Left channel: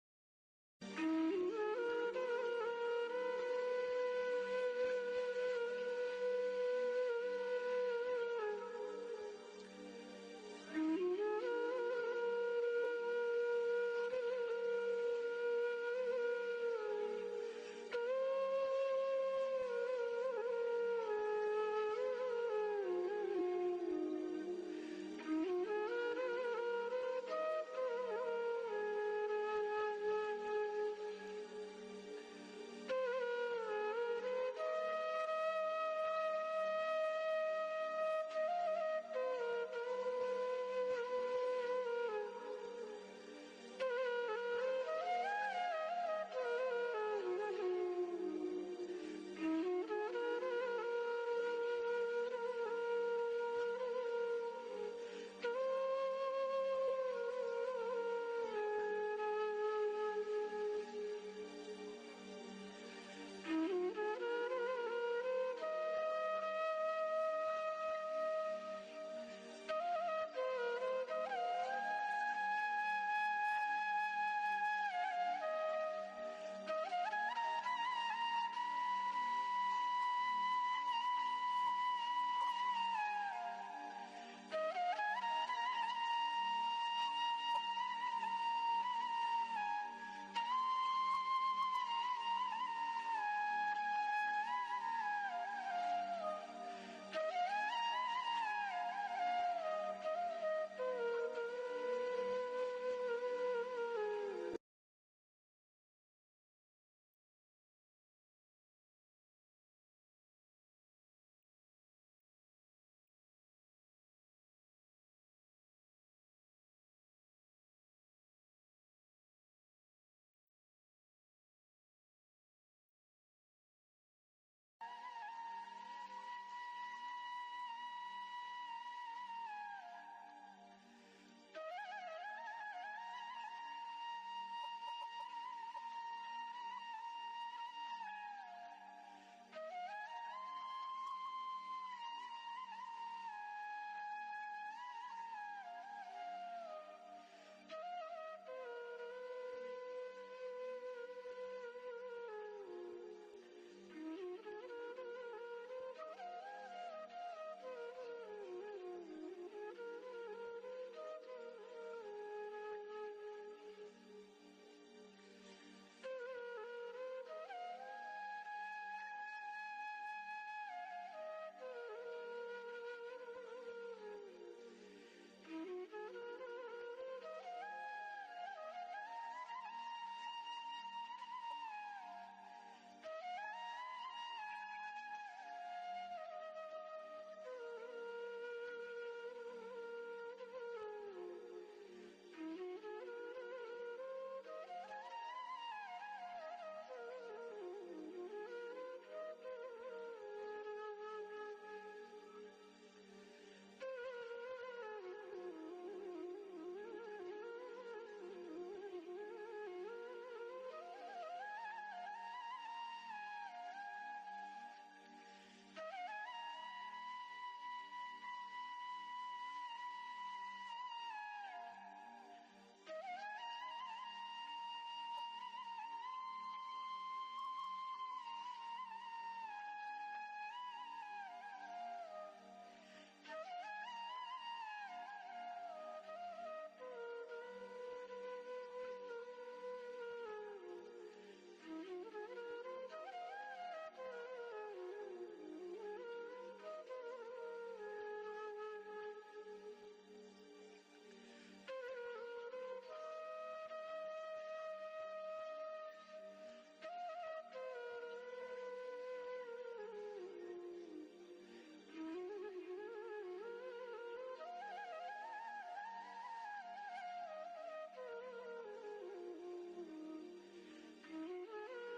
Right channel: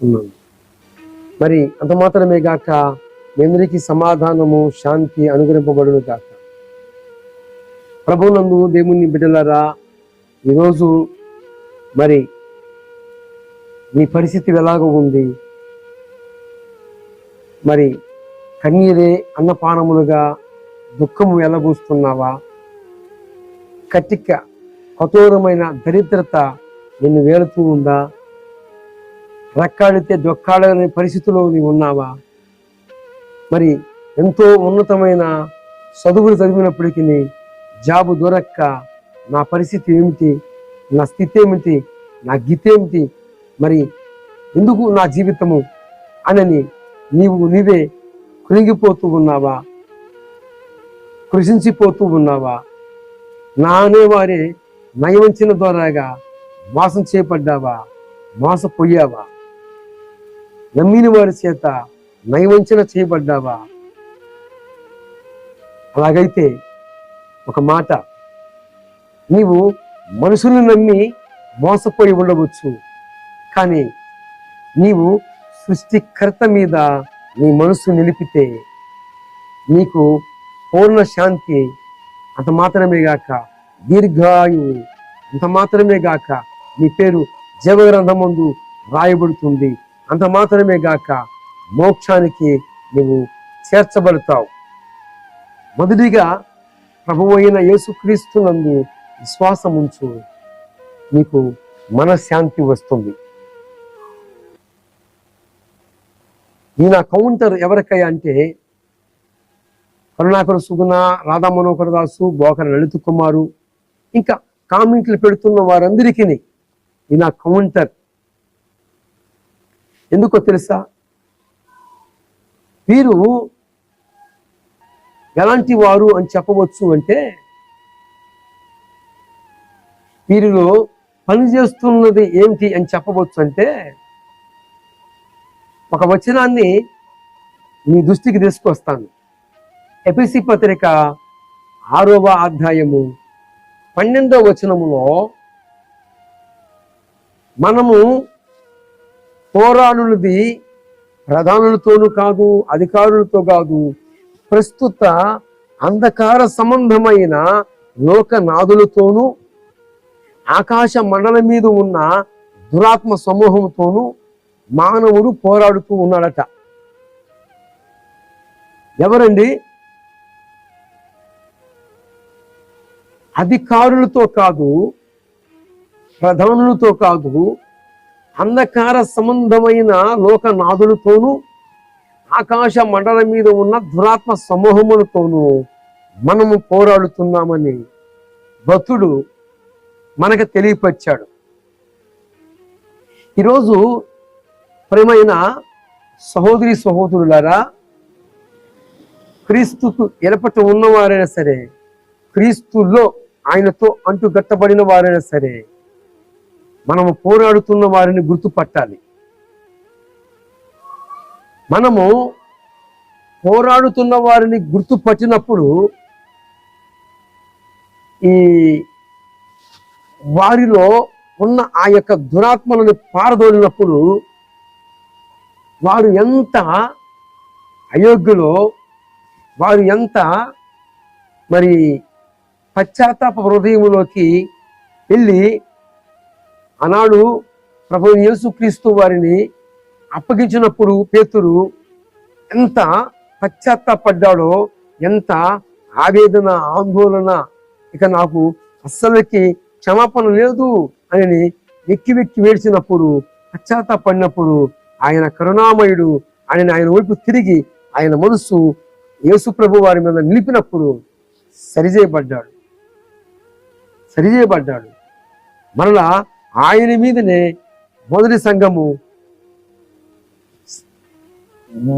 ఉన్నాను. మరి అంత మాత్రమే గాక మీ అందరికీ సమాధానము శాంతి అనుగ్రహింపబడును గాక. ప్రభువునందు దేవుని బిడ్డలారా, ఈరోజు మరి మీ పరిస్థితి ఎలాగ ఉంది? మరి కన్నీరే అన్నపానములుగా దుఃఖము వెలబూస్తున్నావా? కఠోరమైన దరిద్రత నిన్ను వేలుతూ ఉందా? రెక్కాడితే దొక్కాడనే పరిస్థితిలో నీవు ఉన్నావా? మరి ఎంతో ఉన్నతమైన చదువులు చదివినప్పటికీ జాబు దొరక్క నా పరిస్థితి ఏమిటి, నా స్థితి ఏమిటి, నా గీత ఏమిటి, మరి ఎందుకు నా జీవితము అనని నీవే కృంగిపోతూ ఉన్నావా? కృషించిపోతూ ఉన్నావా? నా అనేవారే నయవంచన ద్వారాగా మోసం చేయబడ్డావా? మోసపోయావా? నమ్మిన వారి చేత నయవంచన చేయబడ్డావా? అలాగైతే ఒక మాట, నీవు మనుషులను నమ్మి మోసపోయి ఉండవచ్చు, కానీ నీవు సృష్టికర్త మీద నీ మనసు నిలిపితే నీకు పూర్ణ శాంతి, అంత మాత్రమే గాక దీర్ఘాయువు, అంత మాత్రమే గాక నీ పేరు జీవగ్రంథమందు రాయబడుతుంది, అంత మాత్రమే గాక మోక్షానికి నువ్వు చేర్చబడతావు. మొదటిగా ప్రభువు అయిన యేసుక్రీస్తునందు విశ్వాసం ఉంచు, నీకు మనశ్శాంతి వస్తుంది. ఈ నా కౌంటర్ ఎవరికయ్యా అంటే కరుణాకర సుగుణ, రాధా మనోహర్ దాసు, బోకర లలిత కుమారు, ఇంకా కామెంట్లు పెడుతున్న వారందరికీ ఈ నా కౌంటర్. ఎందుకో తెలుసా? వీరు ఎలాంటి వారు అని చెప్పవచ్చు అంటే, వీరిలో పనిచేస్తున్నది ఏమిటి అని చెప్పవచ్చు అంటే, ఒక వచనాన్ని మీ దృష్టికి తీసుకొస్తాను. ఎఫెసీ పత్రిక 6వ అధ్యాయము 12వ వచనములో, మనము పోరాడున్నది ప్రధానులతోనూ కాదు, అధికారులతో కాదు, ప్రస్తుత అంధకార సంబంధమైన లోకనాథులతోనూ ఆకాశ మండలం మీద ఉన్న దురాత్మ సమూహంతోనూ మానవుడు పోరాడుతూ ఉన్నాడట. ఎవరండి? అధికారులతో కాదు, ప్రధానులతో కాదు, అంధకార సంబంధమైన లోకనాథులతోనూ ఆకాశ మండలం మీద ఉన్న దురాత్మ సమూహములతోనూ మనము పోరాడుతున్నామని భక్తుడు మనకు తెలియపరిచాడు. ఈరోజు ప్రియమైన సహోదరి సహోదరులారా, క్రీస్తుకు ఎడపట ఉన్నవారైనా సరే, క్రీస్తులో ఆయనతో అంటుగట్టబడిన వారైనా సరే, మనము పోరాడుతున్న వారిని గుర్తుపట్టాలి. మనము పోరాడుతున్న వారిని గుర్తుపట్టినప్పుడు ఈ వారిలో ఉన్న ఆ యొక్క దురాత్మలను పారదోలినప్పుడు వారు ఎంత అయోగ్యులో, వారు ఎంత మరి పశ్చాత్తాప హృదయములోకి వెళ్ళి ఆనాడు ప్రభువు యేసుక్రీస్తు వారిని అప్పగించినప్పుడు పేతురు ఎంత పశ్చాత్తాపడ్డాడో, ఎంత ఆవేదన, ఆందోళన, ఇక నాకు అస్సలకి క్షమాపణ లేదు అని వెక్కి వెక్కి వేడ్చినప్పుడు, పశ్చాత్తాపడినప్పుడు ఆయన కరుణామయుడు ఆయన వైపు తిరిగి ఆయన మనసు యేసు ప్రభు వారి మీద నిలిపినప్పుడు సరిచేయబడ్డాడు. మరలా ఆయన మీదనే మొదటి సంఘము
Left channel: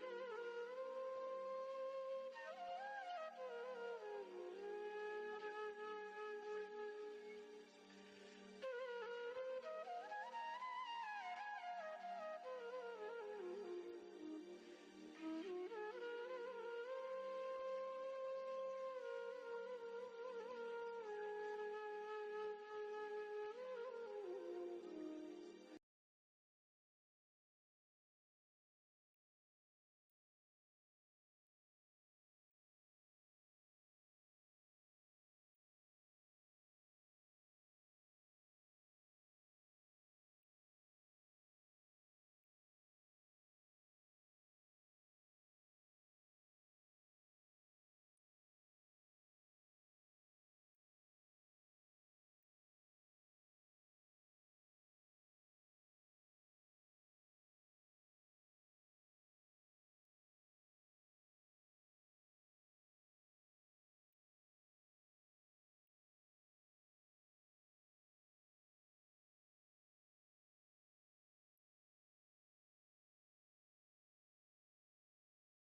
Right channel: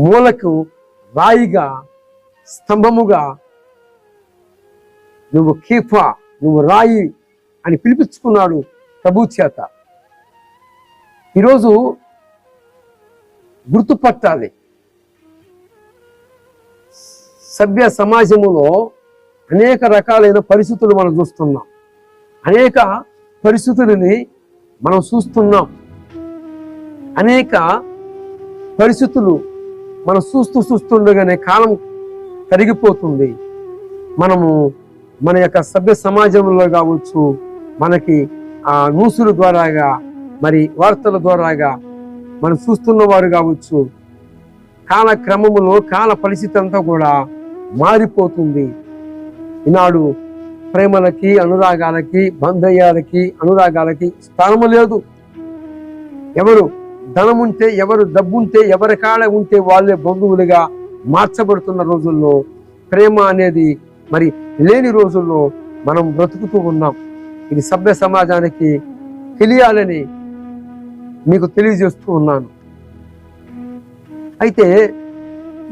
మూలకు రాయిగా, స్తంభముగా, నువ్వు కీఫా, నువ్వు రాయి అని పిలిపించుకున్నాడు ప్రభు చేత. ఈరోజు గుర్తుపట్టాలి, సభ్య సమాజములో అనేక రకాలైన పరిస్థితులు మనం చూస్తున్నాం, అనేక పరిస్థితులని మనం చూస్తున్నాం, అనేక పరిస్థితులు మనం చూస్తుండగానే కాలం కరిగిపోతుంది. మనము మన యొక్క సభ్య సమాజంలో కావచ్చు, మనకి ఆ న్యూసుల ద్వారాగా, మరి వార్తల ద్వారాగా మనం చూస్తున్న వారు కావచ్చు, కాలక్రమములో కాల పరిస్థితి అంతా కూడా మారిపోతుంది. ఈనాడు ప్రేమలకి, అనురాగాలకి, బంధయ్యాలకి, అనురాగాలకి స్థానము లేదు. ఎవరు ధనముంటే, ఎవరు డబ్బుంటే, ఎవరి కాడ ఉంటే వాళ్ళే బంధువులుగా మార్చబడుతున్న రోజుల్లో, ప్రేమ అనేది మరి లేని రోజుల్లో మనం బ్రతుకుతూ ఉన్నాం. ఇది సభ్య సమాజానికి తెలియాలని మీకు తెలియజేస్తూ ఉన్నాను. అయితే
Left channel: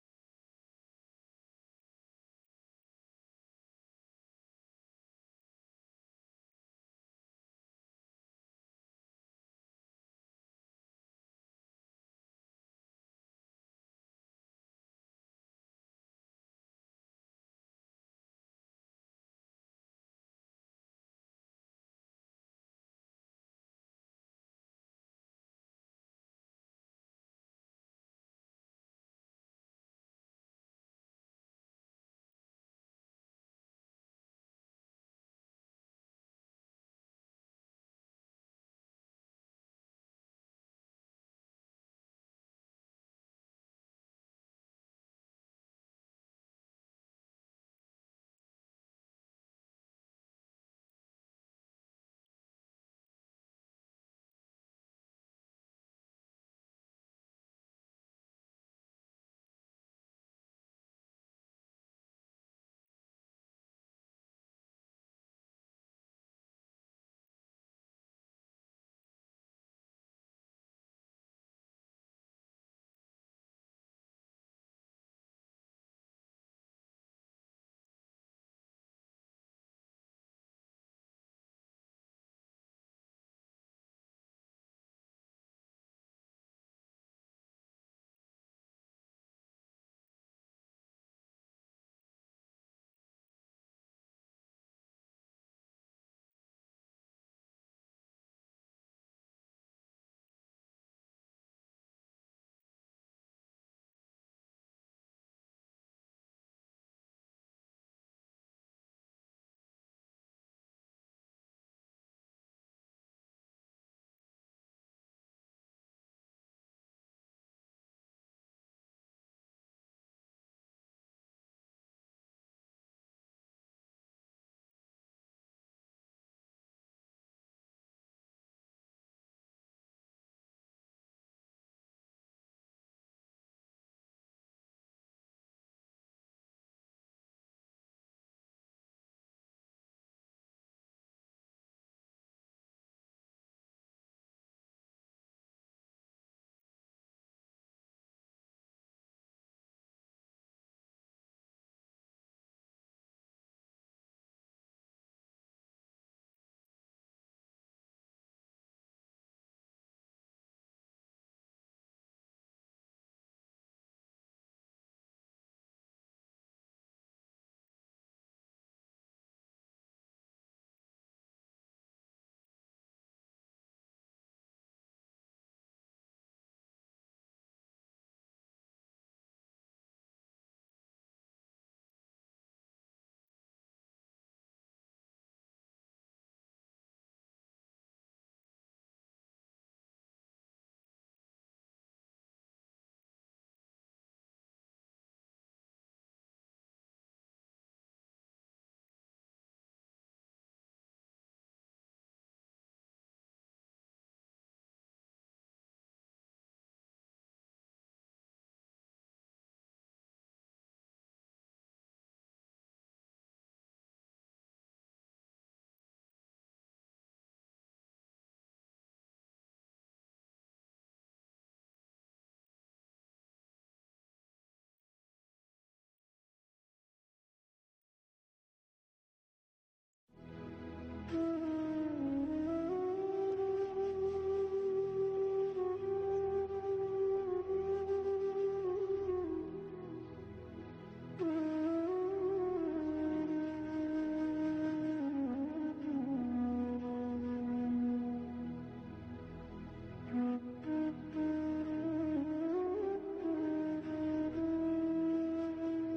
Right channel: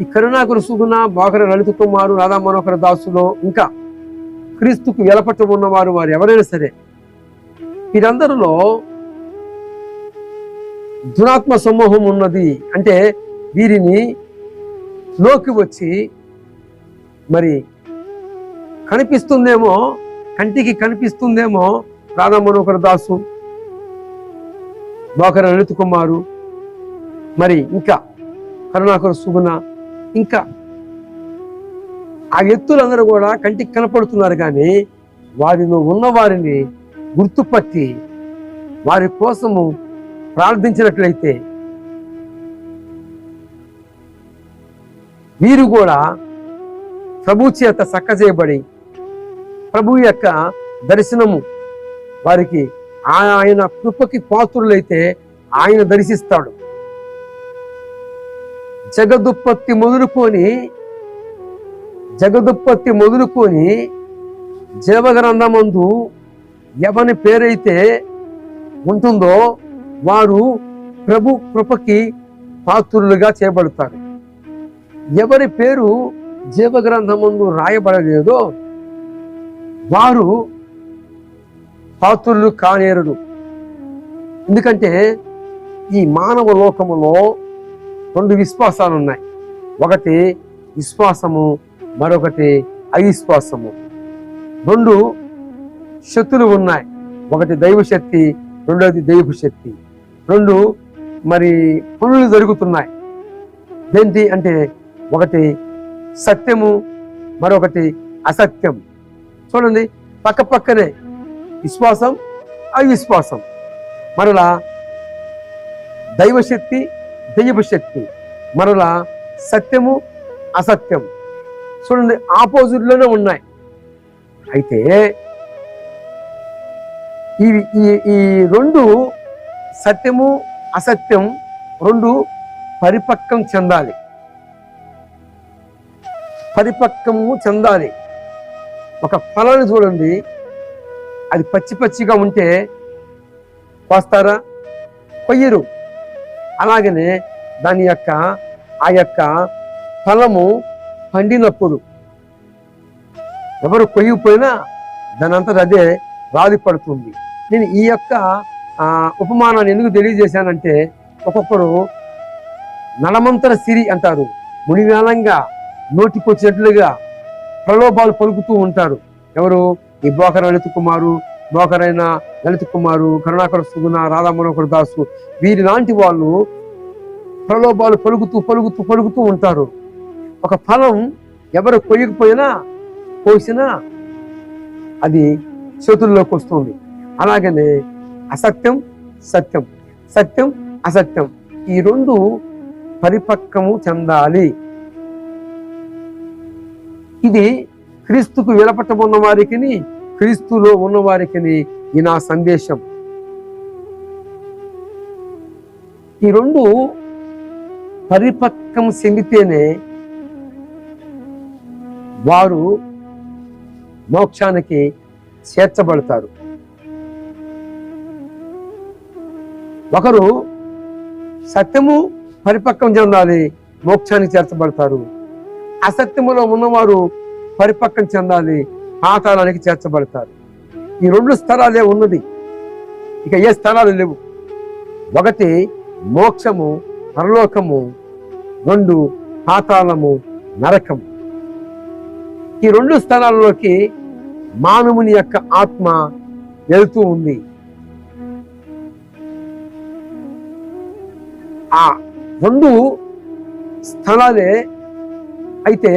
ఈ కరుణాకర సుగుణ, బోకర లలిత కుమారు, రాధా మనోహర దాసులో ఇంకా క్రీస్తుకు వెలపట్టు ఉన్నవారు వారు ఎవరైనా సరే, వీరందరిలో దురాత్మ సమూహం ఉన్నది. అంటే వీరిని లోకి వచ్చి మరి కనిపిస్తుందేమో, కంటికి కనిపిస్తుందేమో రాధా మనోహర దాసు, బోకర లలిత కుమారు, మరి ఇంకా కరుణాకర సుగుణ, ఇంకా ఆ వ్యక్తులందరూ కూడా కంటికి కనపడుతున్నారు. కానీ వారిలో ఉన్న వారిని గుర్తుపట్టి వారి కోసము ప్రార్థించినట్లయితే వీరు కూడా ప్రభు చేత చక్కజేయబడి ప్రభు యొక్క దర్శనము వారికి, ఆయన కృపకి పాత్రులైతే ఆయన దర్శిస్తాడు. జగదుత్పత్తి మొదలుకొని జీవగ్రంథమందు ఎవని పేరైతే ఉంటుందో వారు ప్రభు కృపకి పాత్రులుగా చేయబడతారు. ఎవరి పేరు జీవగ్రంథమందు రాయబడలేదో వారు పాత్రులు కానేరుడు. ఎందుకంటే ఈ మానవ లోకములో రెండు విశ్వాసాలు ఉన్నాయి. ఒకటి విశ్వాసము, మరొకటి అవిశ్వాసము. రెండు శక్తులు ఉన్నాయి. ఒకటి దైవశక్తి, రెండోది దైవ శక్తి. రెండు మరి పనులు జరుగుతున్నాయి. ఏంటి అంటే ఒకటి సత్యము, మరొకటి అసత్యం. చూడండి, పక్క పక్కనే విశ్వాసం, అవిశ్వాసం. మరలా దైవశక్తి, దైవ శక్తి, మరలా సత్యము, అసత్యం. చూడండి, ఆపోజిట్లోనే ఉన్నాయి. అయితే ఈ రెండు, సత్యము అసత్యం రెండు పరిపక్వం చెందాలి. ఒక ఫలాన్ని చూడండి, అది పచ్చిగా ఉంటే కోస్తారా? కొయ్యరు. అలాగనే దాని యొక్క ఆ యొక్క ఫలము పండినప్పుడు ఎవరు కొయ్యిపోయినా దాని అంతా అదే రాలి పడుతుంది. నేను ఈ యొక్క ఉపమానాన్ని ఎందుకు తెలియజేశానంటే, ఒక్కొక్కరు నలమంతర సిరి అంటారు, మునివేలంగా నోటికొచ్చినట్లుగా ప్రలోభాలు పలుకుతూ ఉంటారు. ఎవరు? ఈ బోకర లలిత కుమారు, బోకరైన లలిత కుమారు, కరుణాకర సుగుణ, రాధా మనోహర దాసు, వీరి లాంటి వాళ్ళు ప్రలోభాలు పలుకుతూ ఉంటారు. ఒక ఫలం ఎవరు కొయ్యకపోయినా కోసినా అది చేతుల్లోకి వస్తుంది. అలాగనే అసత్యం, సత్యం, సత్యం అసత్యం, ఈ రెండు పరిపక్వము చెందాలి. ఇది క్రీస్తుకు వెలపట్టబడిన వారికి, క్రీస్తులో ఉన్న వారికి ఈ నా సందేశం. ఈ రెండు పరిపక్వం చెందితేనే వారు మోక్షానికి చేర్చబడతారు. ఒకరు సత్యము పరిపక్వం చెందాలి, మోక్షానికి చేర్చబడతారు. అసత్యములో ఉన్నవారు పరిపక్వం చెందాలి, పాతాళానికి చేర్చబడతారు. ఈ రెండు స్థలాలే ఉన్నది, ఇక ఏ స్థలాలు లేవు. ఒకటి మోక్షము, పరలోకము. రెండు పాతాళము, నరకము. ఈ రెండు స్థలాల్లోకి మానవుని యొక్క ఆత్మ వెళుతూ ఉంది. ఆ రెండు స్థలాలే. అయితే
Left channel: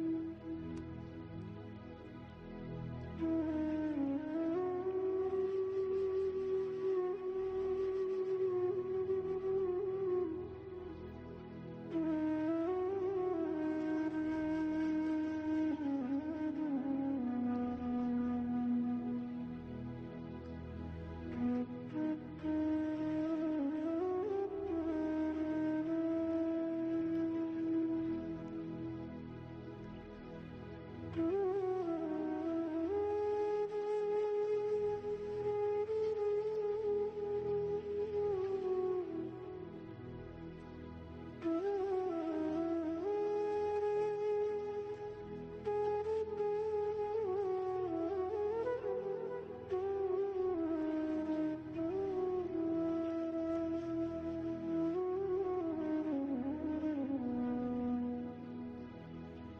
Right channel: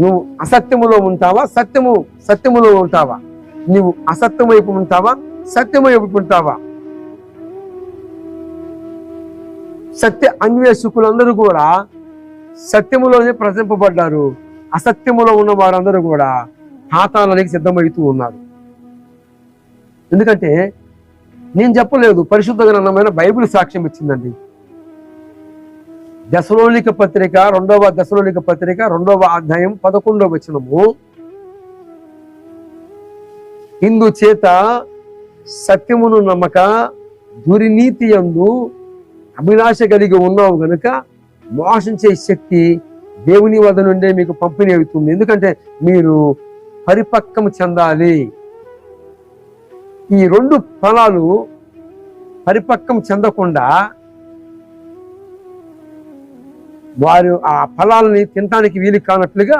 నువ్వు అసత్యములో ఉంటావా, సత్యములో ఉంటావా? నువ్వు అసత్యం వైపు ఉంటావా, సత్యం వైపు ఉంటావా? సత్య అన్వేషకులందరూ కూడా సత్యములోనే ప్రశంపబడ్డారు. అసత్యములో ఉన్న వారందరూ కూడా పాతాళానికి సిద్ధమవుతూ ఉన్నారు. ఎందుకంటే నేను చెప్పలేదు, పరిశుద్ధ గ్రంథమైన బైబిల్ సాక్ష్యం ఇచ్చిందండి. దశలోనిక పత్రిక 2వ అధ్యాయం 11వ వచనము, ఇందు చేత సత్యమును నమ్మక దుర్నీతి యందు అభిలాష కలిగి ఉన్నావు గనుక మోసించే శక్తి దేవుని వద్ద నుండే మీకు పంపిణీ అవుతుంది. ఎందుకంటే మీరు పరిపక్వం చెందాలి. ఈ రెండు ఫలాలు పరిపక్వం చెందకుండా వారు ఆ ఫలాలని తినటానికి వీలు కానట్లుగా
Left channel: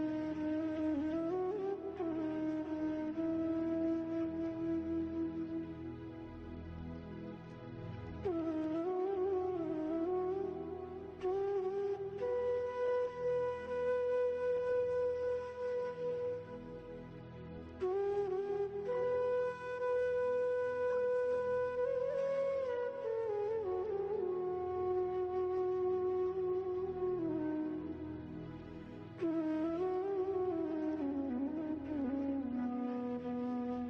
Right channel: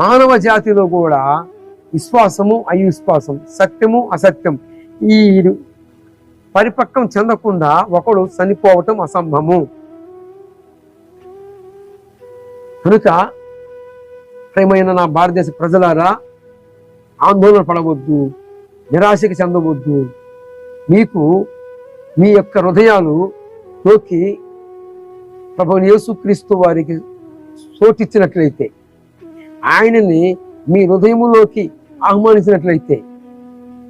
మానవ జాతిలో కూడా విశ్వాసము అవిశ్వాసం, సత్యము అసత్యం, ఈ పరిపక్వం చెందకుండా ఒకడు చనిపోవటం అసంభవము. కనుక ప్రియమైన నా భారతదేశ ప్రజలారా, ఆందోళన పడవద్దు, నిరాశకి చెందవద్దు. మీకు మీ యొక్క హృదయాలులోకి ప్రభువైన యేసుక్రీస్తు వారికి చోటిచ్చినట్లయితే, ఆయనని మీ హృదయములోకి ఆహ్వానించినట్లయితే,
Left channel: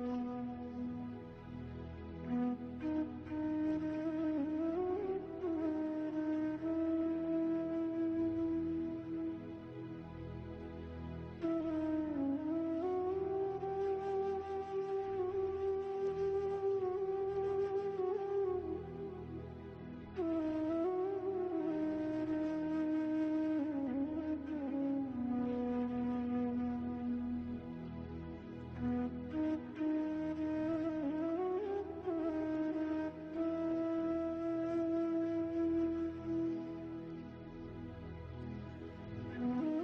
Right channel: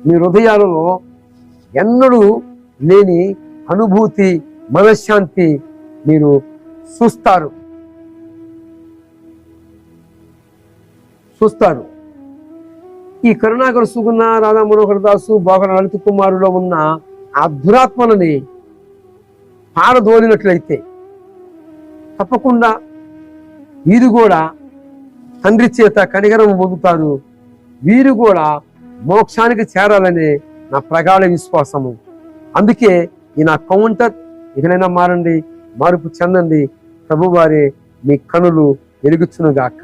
మీ హృదయాలలో ఎన్నడూ లేని అనుభూతి, మనశ్శాంతి మీరు చూస్తారు. ఈ కరుణాకర సుగుణ, రాధా మనోహర దాసు, బోగర లలిత కుమారులో ఉన్న ఆ దురాత్మలని పారదోలినట్లయితే తప్పకుండా వీరు కూడా తండ్రి చేత కనికరం పొందుతారు. వీరు కూడా మోక్షానికి చేరాలనే నా ప్రగాఢ విశ్వాసము. అందుకే ఈ నా కౌంటర్, ఇకనైనా మారండి, మార్పు చెందండి. ప్రభువారే మీ కనులు వెలుగుచునుగాక.